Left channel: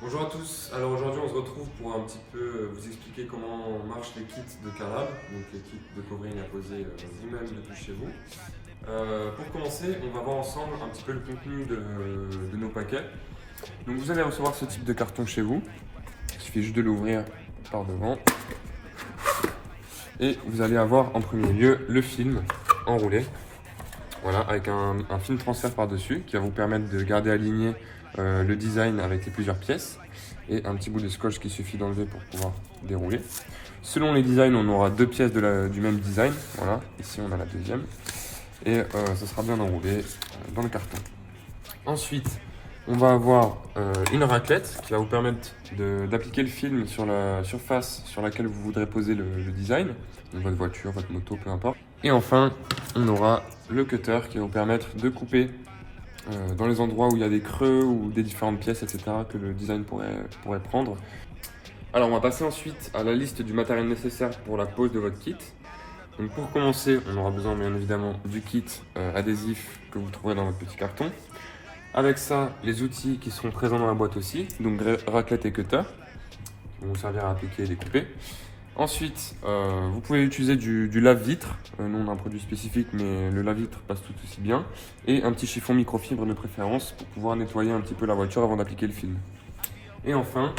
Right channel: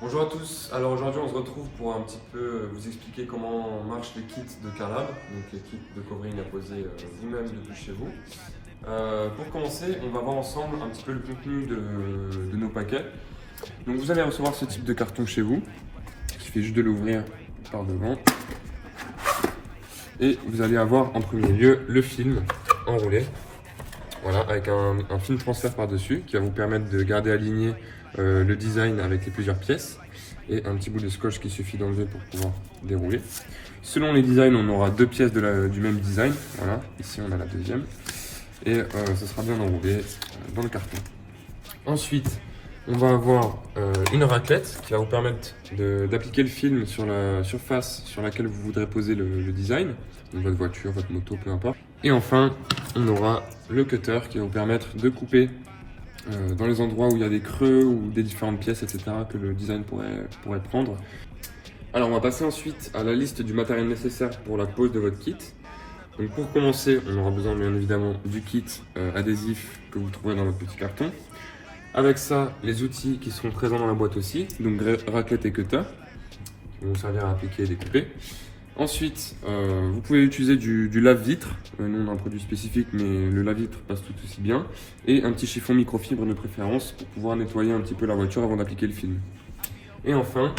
Bonjour à tous, alors aujourd'hui on se retrouve pour un petit peu vous expliquer comment marchent les kits de Carlab, donc les kits de covering à poser vous-même depuis chez vous. Pour commencer, on va voir ensemble un petit peu le contenu de nos paquets. Donc vous allez recevoir ce type de carton chez vous, il suffit juste de l'ouvrir par devant. Et vous allez avoir en premier lieu le film enroulé, voilà, avec un film transfert par-dessus qui va vous permettre de garder aligné le design avec les plusieurs pièces et un petit bout de scotch qu'il suffit d'enlever pour pouvoir dérouler. Selon les designs, on aura deux pièces du même design, voilà, ici on a la deuxième, et ce sera bien enroulé dans le carton. Ensuite, on va avoir une raclette qui va vous permettre d'appliquer le film sur la surface sur laquelle vous voudrez poser le design, donc votre voiture, votre moto, peu importe. Et enfin, on aura le cutter qui va vous permettre de couper dans les endroits où il y a des creux ou des différentes pièces, etc. que le design pourrait prendre. Alors on va passer ensuite à la liste du matériel nécessaire pour la pose de votre kit. Donc pour commencer, on aura besoin bien évidemment du kit adhésif que vous trouverez dans votre petit carton. Avec ça, les outils qui seront présents dans la boîte aussi, donc raclette et cutter, qui vont servir à appliquer et découper. Ensuite, vous pouvez utiliser du lave-vitre. Nous, on a un produit spécifique, mais le lave-vitre passe tout aussi bien. Et un petit chiffon microfibre de préférence pour pouvoir nettoyer un petit peu la voiture avant d'appliquer le film. Et enfin,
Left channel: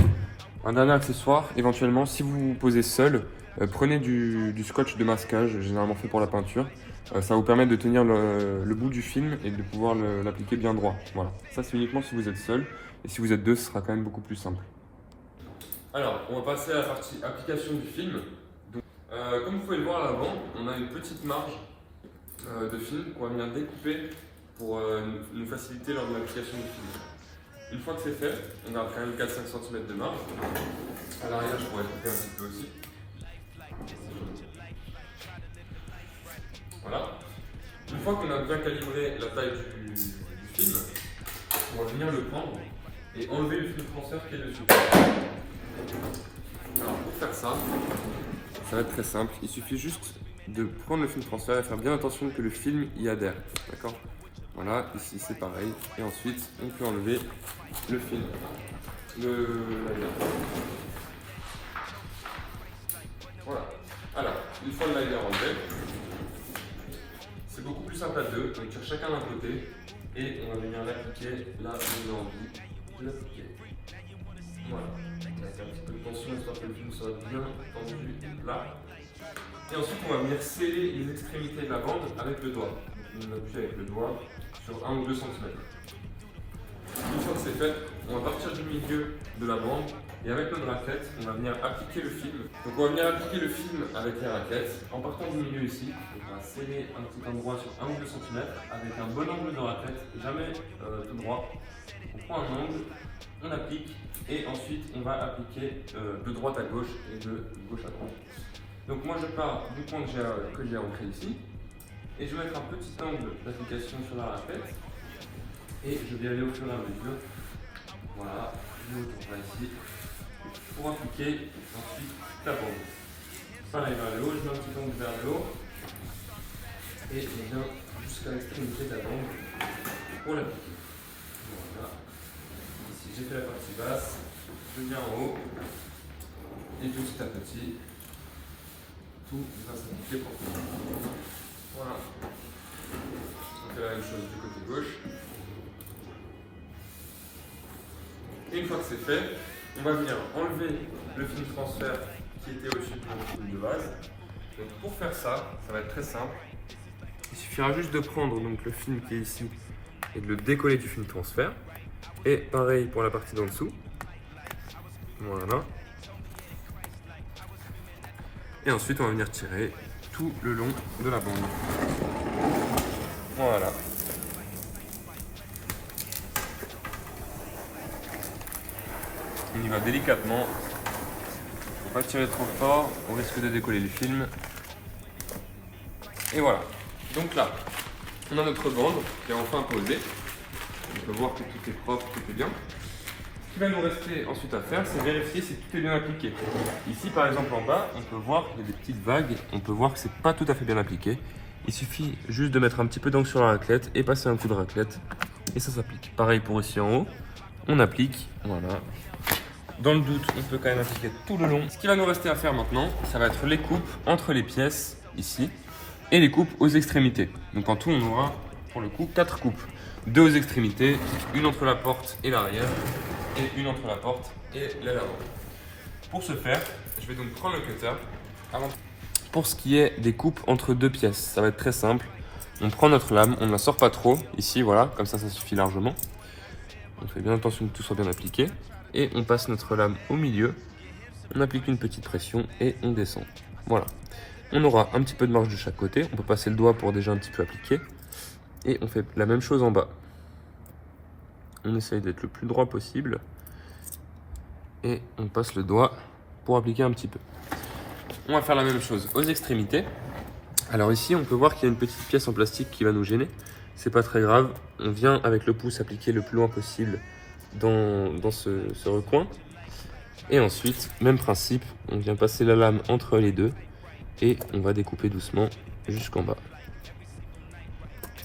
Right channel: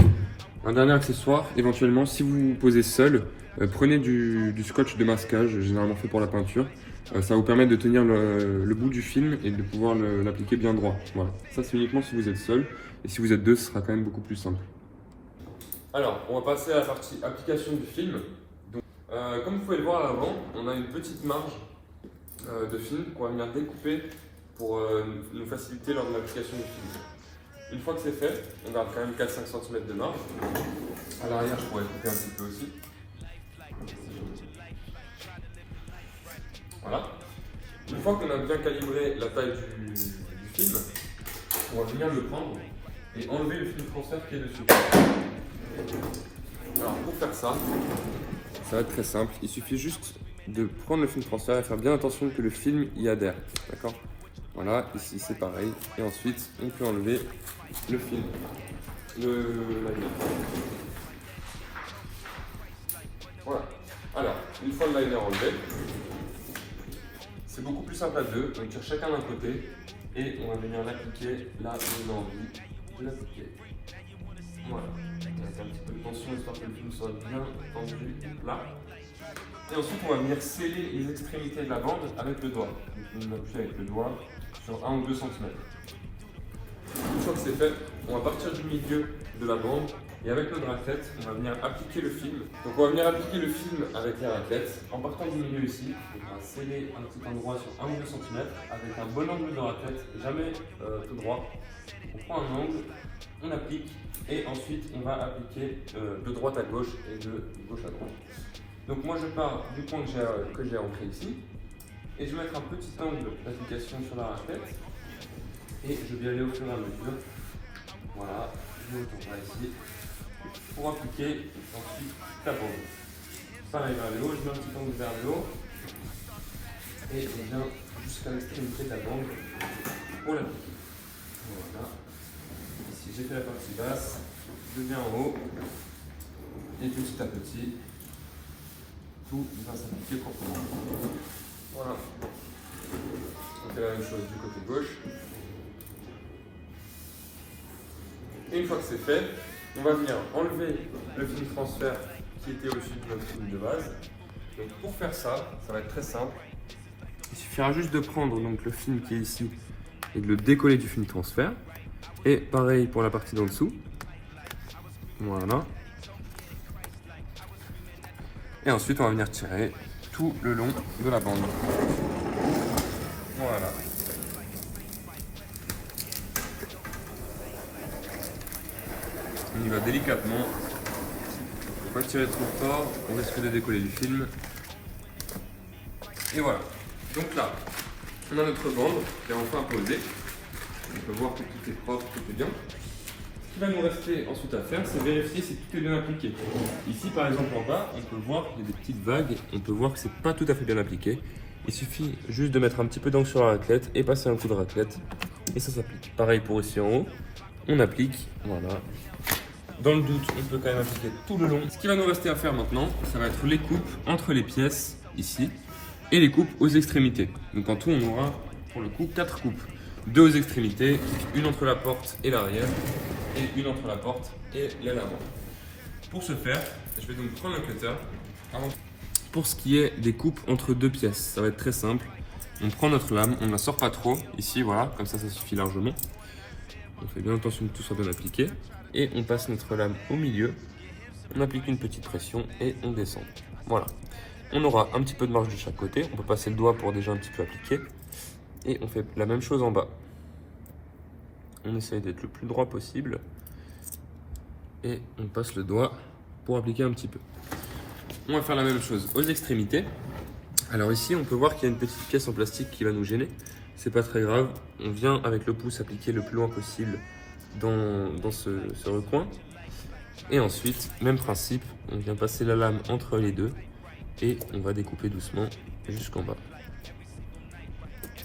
un dernier accessoire, éventuellement, si vous vous posez seul, prenez du scotch de masquage, généralement fait pour la peinture. Ça va vous permettre de tenir le bout du film et de pouvoir l'appliquer bien droit. Voilà. Ça, c'est uniquement si vous êtes seul. Et si vous êtes deux, ce sera quand même beaucoup plus simple. Alors, on va passer à la partie application du film. Donc, comme vous pouvez le voir à l'avant, on a une petite marge de film qu'on va venir découper pour nous faciliter lors de l'application du film. Une fois que c'est fait, on garde quand même 4-5 cm de marge. À l'arrière, je pourrais couper un petit peu aussi. Voilà. Une fois qu'on a bien calibré la taille du film, on va venir le prendre et enlever le film transfert qui est dessus. Alors pour faire ça, ça va être très simple. Il suffit juste de prendre le film transfert et faire bien attention que le film y adhère. D'accord? Voilà, ici c'est pareil. Et ensuite, on peut enlever le film, le liner. Voilà. Alors, une fois le liner enlevé, c'est beaucoup plus simple à deux. On tire chacun d'un côté et on va venir l'appliquer là où on a envie de l'appliquer. Voilà. On va faire un petit peu de tension histoire que le film soit bien tendu là. Et ensuite, on va venir sceller les extrémités de la bande avec le doigt. Donc, on appuie avec le doigt sur 1 ou 2 cm. Une fois que c'est fait, on va partir du milieu de la bande et avec notre raclette, on va venir appliquer le film. Donc on va venir appliquer le film avec les raclettes en partant du milieu ici. On va sceller un petit endroit sur 1 ou 2 cm avec un bon angle de raclette, jamais tout droit. On prend un angle, on applique et ensuite on va appliquer de droite à gauche et de gauche à droite. Donc moi je pars du point que j'ai ancré ici et je vais mettre un petit angle d'application sur la raclette et je vais aller au fur et à mesure. Voilà, je me retourne là ici pour appliquer ensuite la bande. Pareil vers le haut, je mets un petit angle vers le haut et je viens jusqu'à l'extrémité de la bande pour l'appliquer. Voilà, ici j'ai fait la partie basse, je viens en haut et petit à petit tout va s'appliquer proprement. Voilà. On fait la même chose du côté gauche. Et une fois que c'est fait, on va venir enlever le film transfert qui était au-dessus de notre film de base. Donc pour faire ça, ça va être très simple. Il suffira juste de prendre donc, le film qui est ici et de le décoller du film transfert. Et pareil pour la partie d'en dessous. Voilà. Et ensuite, on va venir tirer tout le long de la bande. Voilà. On y va délicatement. Il ne faut pas tirer trop fort, on risque de décoller du film. Et voilà. Donc là, on a notre bande qui est enfin posée. On peut voir que tout est propre, tout est bien. Ce qui va nous rester ensuite à faire, c'est vérifier si tout est bien appliqué. Ici, par exemple, en bas, on peut voir qu'il y a des petites vagues. On peut voir que c'est pas tout à fait bien appliqué. Il suffit juste de mettre un petit peu d'encre sur la raclette et passer un coup de raclette. Et ça s'applique. Pareil pour ici en haut. On applique. Voilà. dans le doute, on peut quand même appliquer tout le long. Ce qui va nous rester à faire maintenant, ça va être les coupes entre les pièces, ici, et les coupes aux extrémités. Donc en tout, on aura pour le coup 4 coupes. 2 aux extrémités, une entre la porte et l'arrière, et une entre la porte et l'aile avant. Pour ce faire, je vais donc prendre le cutter. Pour ce qui est des coupes entre 2 pièces, ça va être très simple. On prend notre lame, on ne la sort pas trop, ici voilà, comme ça suffit largement. On fait bien attention que tout soit bien appliqué. Et on passe notre lame au milieu, on applique une petite pression et on descend. Voilà. On aura un petit peu de marge de chaque côté, on peut passer le doigt pour déjà un petit peu appliquer. Et on fait la même chose en bas. On essaye d'être le plus droit possible. Et on passe le doigt pour appliquer un petit peu. On va faire la même chose aux extrémités. Alors ici, on peut voir qu'il y a une petite pièce en plastique qui va nous gêner. C'est pas très grave. On vient avec le pouce appliquer le plus loin possible dans ce recoin. Et ensuite, même principe, on vient passer la lame entre les deux et on va découper doucement jusqu'en bas.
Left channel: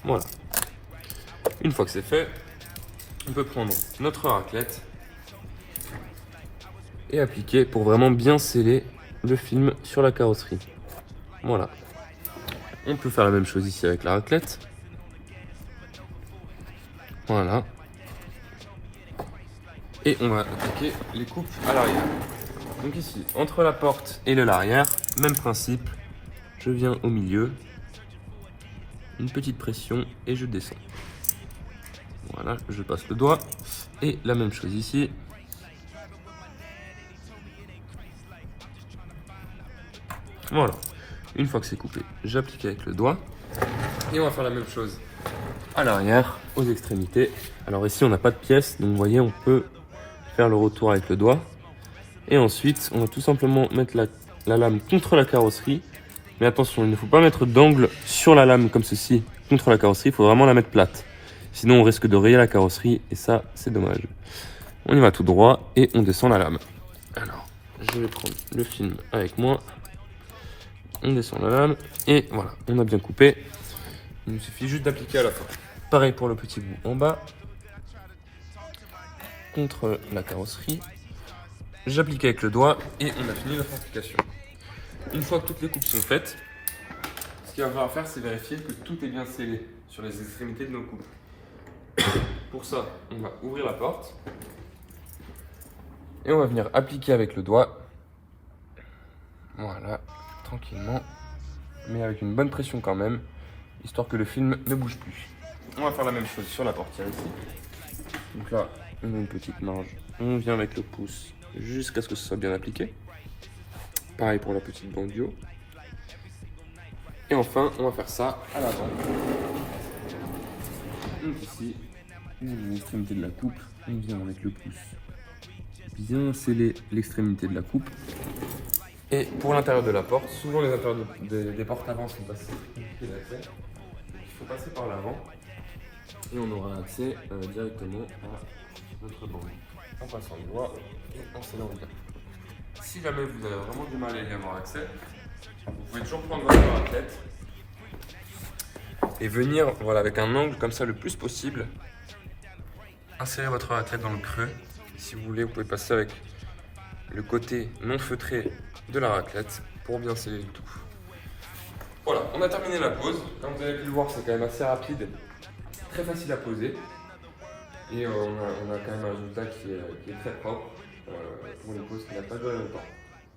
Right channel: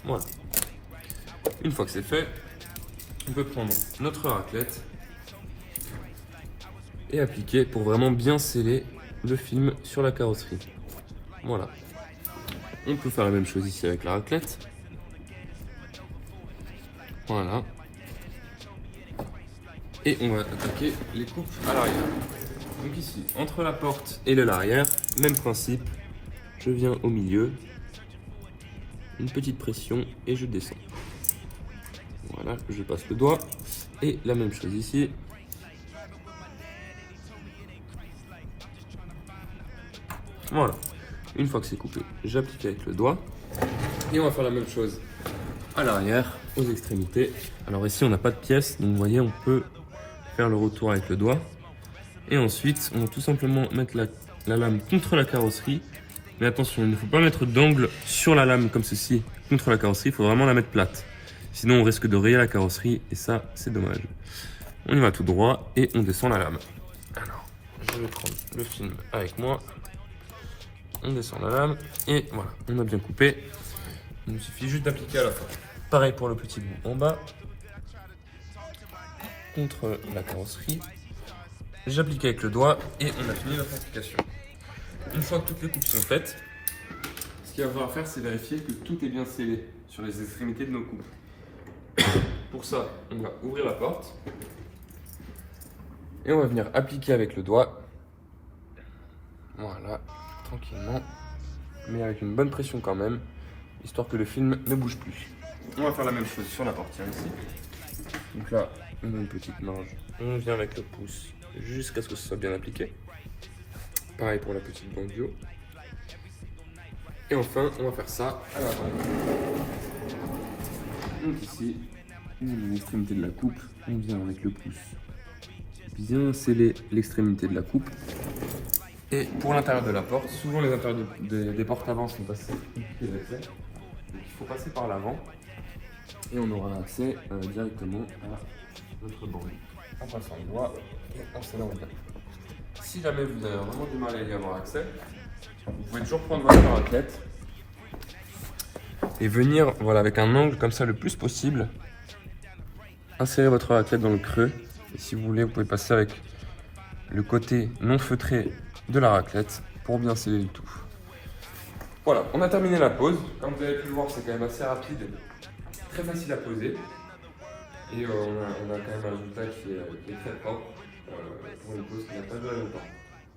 Voilà. Une fois que c'est fait, on peut prendre notre raclette et appliquer pour vraiment bien sceller le film sur la carrosserie. Voilà. On peut faire la même chose ici avec la raclette. Voilà. Et on va appliquer les coupes à l'arrière. Donc ici, entre la porte et l'arrière, même principe. Je viens au milieu, une petite pression et je descends. Voilà, je passe le doigt. Et la même chose ici. Voilà. Une fois que c'est coupé, j'applique avec le doigt. Et on va faire la même chose à l'arrière, aux extrémités. Alors ici, on n'a pas de pièce, donc vous voyez, on peut faire le retour avec le doigt. Et ensuite, on va tout simplement mettre la lame contre la carrosserie. Mais attention, il ne faut pas mettre d'angle sur la lame comme ceci, contre la carrosserie. Il faut vraiment la mettre plate. Sinon, on risque de rayer la carrosserie et ça, c'est dommage. On y va tout droit et on descend la lame. Alors, je vais prendre le film avec moi. On descend la lame et voilà, on a bien coupé. Il nous suffit juste d'appliquer à la fin. Pareil pour le petit bout en bas. Contre la carrosserie. J'applique avec le doigt et on a fini notre application. Une fois que toutes les coupes sont faites, ce qu'il va falloir faire, c'est vérifier que tout est bien scellé sur les extrémités de nos coupes. Pour ça, on va ouvrir la porte et on va venir appliquer avec le doigt. Voilà, tranquillement, mais avec une bonne pression quand même, histoire que le film ne bouge plus. On va faire la même chose sur la portière ici. Donc là, on a une petite marge, on vient avec le pouce jusqu'à ce que ce soit bien appliqué. Pareil pour la petite bandio. Et enfin, on va faire ça à la balle. Donc ici, on a l'extrémité de la coupe, on vient avec le pouce bien sceller l'extrémité de la coupe. Et pour l'intérieur de la porte, souvent les intérieurs des portes avant sont assez compliqués d'accès. Il faut passer par l'avant et on aura accès directement à notre banc. En passant le doigt et en scellant bien. Si jamais vous avez vraiment du mal à y avoir accès, vous pouvez toujours prendre votre raclette et venir voilà, avec un angle comme ça le plus possible, insérer votre raclette dans le creux. Et si vous voulez, vous pouvez passer avec le côté non feutré de la raclette pour bien sceller le tout. Voilà, on a terminé la pose. Comme vous avez pu le voir, c'est quand même assez rapide, très facile à poser. Et on a quand même un résultat qui est très propre pour une pose qui n'a pas duré longtemps.